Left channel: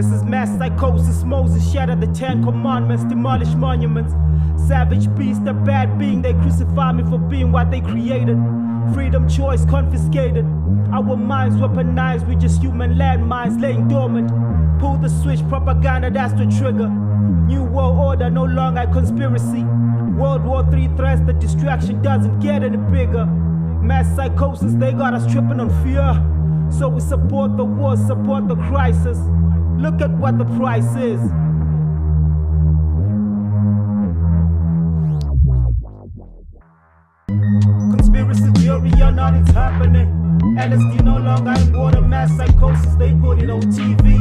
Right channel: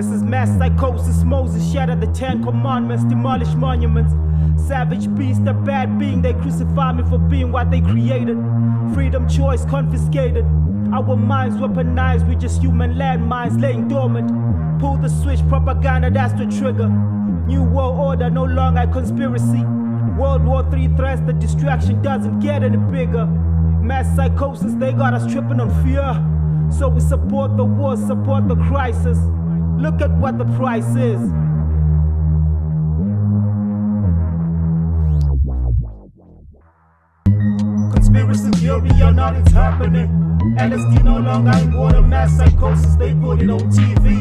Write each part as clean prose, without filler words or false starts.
This is mass psychosis. Moses shattered the 10 commandments, demolished monuments. Savage beast, a bad being. They crucify me for being what they created. Freedom, choice confiscated. Our minds weaponized. We just human landmines laying dormant. Pull the switch, propaganda, that's the trigger. New world order, no longer a conspiracy. World War III threats, the distraction doesn't get any bigger. Mass psychosis, they got us tripping on fear. So we support the war, support the crisis. Look at what the price is. Conspiracy theory or not, it's happening. LSD no longer in water, mass psychosis, they put it on TV.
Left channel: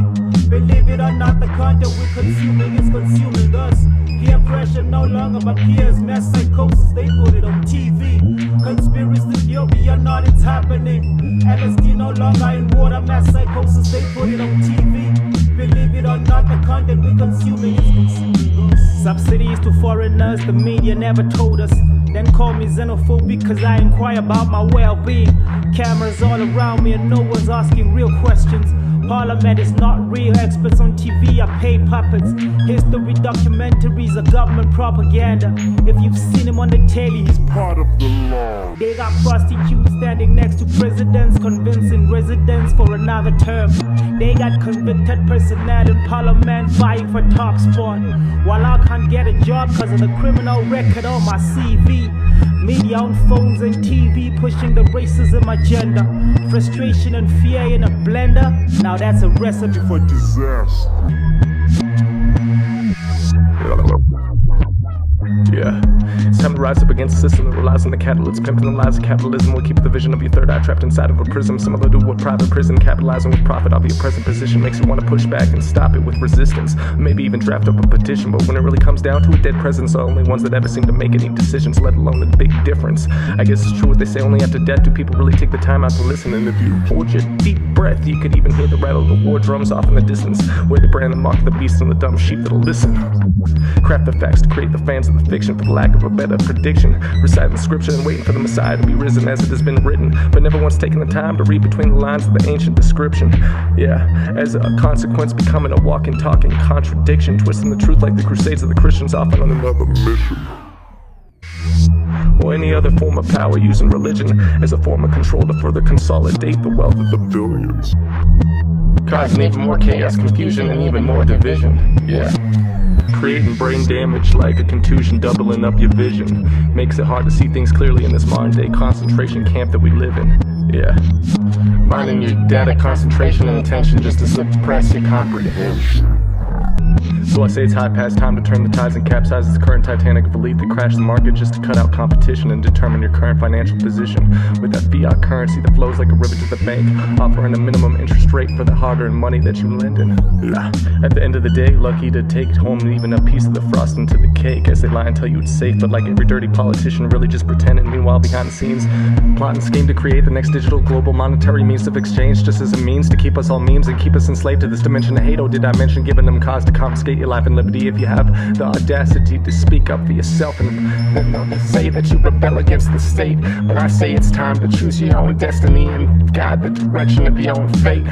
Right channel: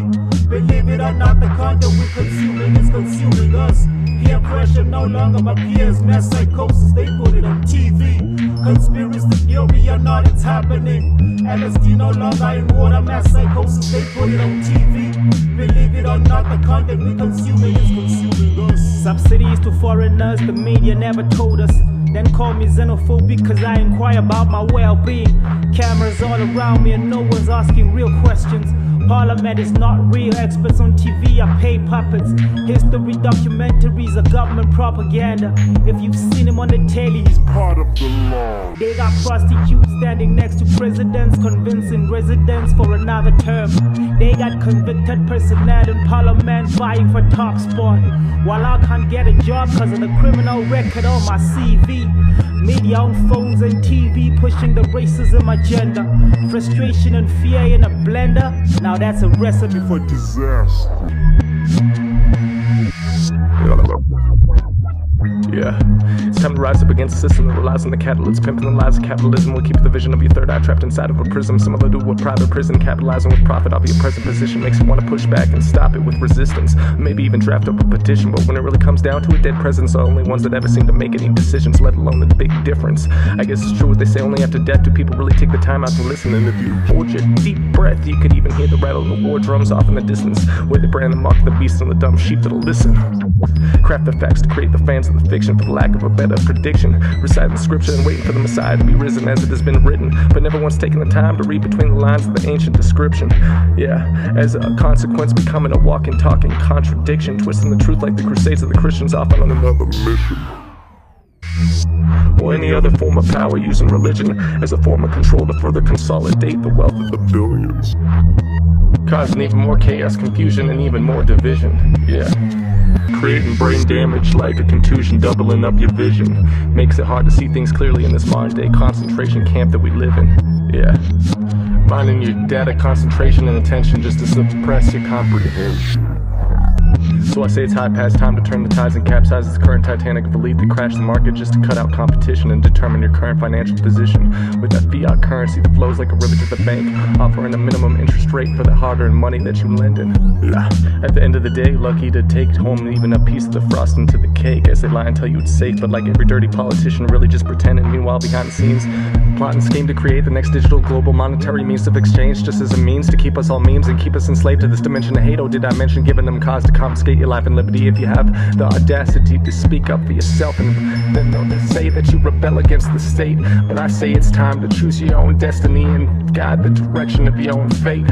Believe it or not, the content we're consuming is consuming us. Peer pressure no longer my peers, mass psychosis, they put it on TV. Conspiracy theory or not, it's happening. LSD no longer in water, mass psychosis, they put it on TV. Believe it or not, the content we're consuming is consuming us. Subsidies to foreigners, the media never told us. Then call me xenophobic cause I inquire about my well-being. Cameras all around me and no one's asking real questions. Parliament is not real, experts on TV are paid puppets. History documentaries are government propaganda. If you've seen him on the telly, he's part of the law. They got prostitutes standing next to presidents, convincing residents for another term. They got convicted personnel in parliament vying for top spot. While I can't get a job cause of the criminal record on my CV. Media on phones and TV pushing the racism agenda. Frustration and fear in a blender. Now that's a recipe for disaster. Yeah, it's time to rise up against the system that relies on the catalyst. Pimping the lies of capitalism will keep the vision of your third eye trapped inside of a prism. Similar to what private prison capitalizing with profit off your present position makes you want to push back and stop it with resistance. Maybe even draft up a petition, but when it really comes down to it, dead presidents are the only ones that ever seem to make any decisions, let alone the big difference. I guess it's true what they say, only after death do people really take the time out to listen. And if you hold your deep breath, you could even hear the rattle of the war drums off in the distance, where they brand the mark of the beast and the dumb sheep that'll listen. Craft the facts to create the fans of the fiction for the lack of a better prediction. Reciting the scripture and waiting for the Messiah to be risen as it has been written, but never once taking the time to read between the lines of the ancient description. Yeah, as a consequence becoming a walking, talking contradiction, twisting the truth like the Crusades of the Christians off on another mission. Or any other form of power, using religion as a form of control to further consolidate the wealth of the billions, causing even more chaos, confusion, and even more division. Yeah, creating brain damage like a contusion, doubling up your vision. Makes it hard to see things clearly in this modern day concentration camp that we live in. Yeah, minding your data concentration and attention just to suppress your comprehension. So I say it's high past time to turn the tides and capsize this current Titanic of elite that crashed the market just to cut out competition and determine your current financial position. With that fiat currency that flows like a river to the bank, offering a minimum interest rate for the hard-earned money that you lend in. At the end of the day, lucky to take home even a piece of the frosting to the cake, as they lie and tell you it's safe, but like every dirty politician really just pretending. Meanwhile, behind the scenes, plot and scheme to create the next digital global monetary means of exchange, just as a means to keep us all memes and keep us enslaved to this dimension of hate. Oh, did I mention giving them cause to confiscate your life and liberty? If you have the audacity to speak up for yourself, and then they say that you rebel against the state, but I say it's time to choose your own destiny and guide the direction of your own fate.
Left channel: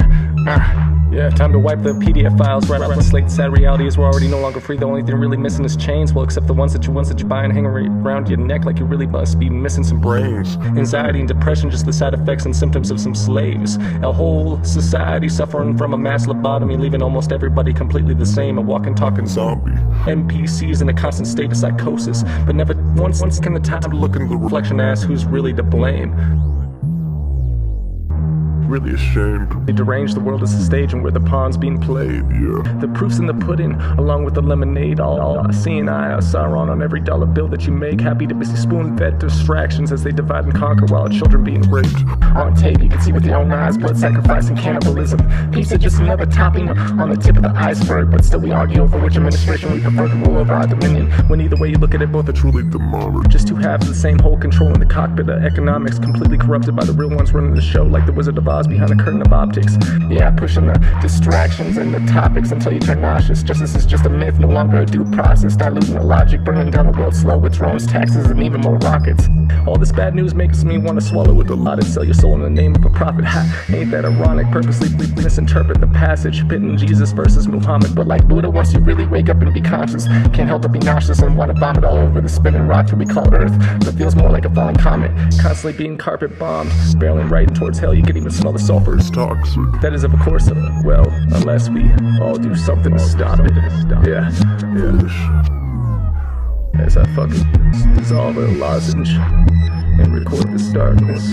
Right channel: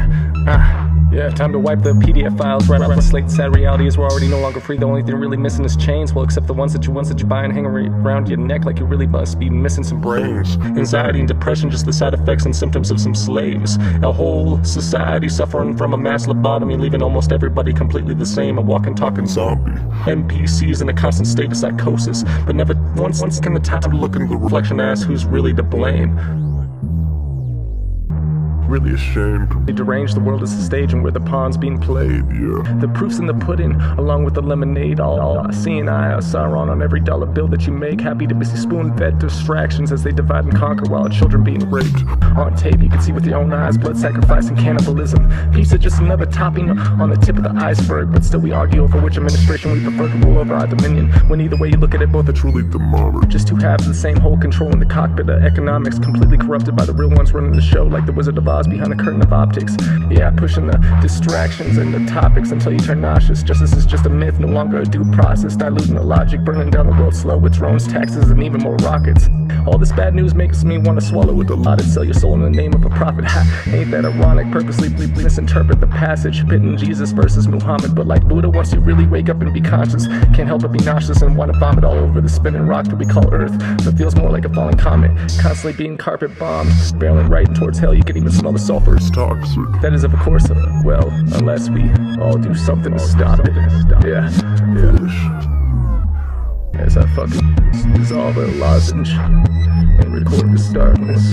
Yeah, time to wipe the PDF files right off the slate. Sad reality is we're already no longer free. The only thing really missing is chains. Well, except the ones that you buy and hang around your neck, like you really must be missing some brains. Anxiety and depression, just the side effects and symptoms of some slaves. A whole society suffering from a mass lobotomy, leaving almost everybody completely the same, a walking, talking zombie. NPCs in a constant state of psychosis, but never once can the time to look in the reflection and ask who's really to blame. Really ashamed. They derange the world as a stage and where the pawn's being played. Yeah, the proof's in the pudding, along with the lemonade. All seeing eye of Sauron on every dollar bill that you make. Happy to be spoon-fed distractions as they divide and conquer while children being raped. On tape, you can see with your own eyes blood sacrifice and cannibalism. Peace is just another topping on the tip of the iceberg, but still we argue over which administration we prefer to rule over our dominion. When either way you look at it, both are truly demonic. Just two halves of the same whole controlling the cockpit of economics, completely corrupted by the real ones running the show, like the Wizard of Oz. laws behind a curtain of optics. Yeah, pushing the distractions and the topics until you turn nauseous. Justice is just a myth, no longer a due process. Diluting the logic, burning down the world slow with drones, taxes, and even more rockets. All this bad news makes me want to swallow with a lot and sell your soul in the name of a prophet. Ha, ain't that ironic? Purposely misinterpret the passage, pitting Jesus versus Muhammad. But like Buddha, once you really wake up and be conscious, can't help but be nauseous and want to vomit all over the spinning rock that we call Earth, that feels more like a falling comet, constantly being carpet bombed, barreling right towards hell. You can even smell the sulfur. It's toxic. That is, of course, well, unless we all do something to stop it. Yeah. As I fucking dissolve a lozenge and record this darkness.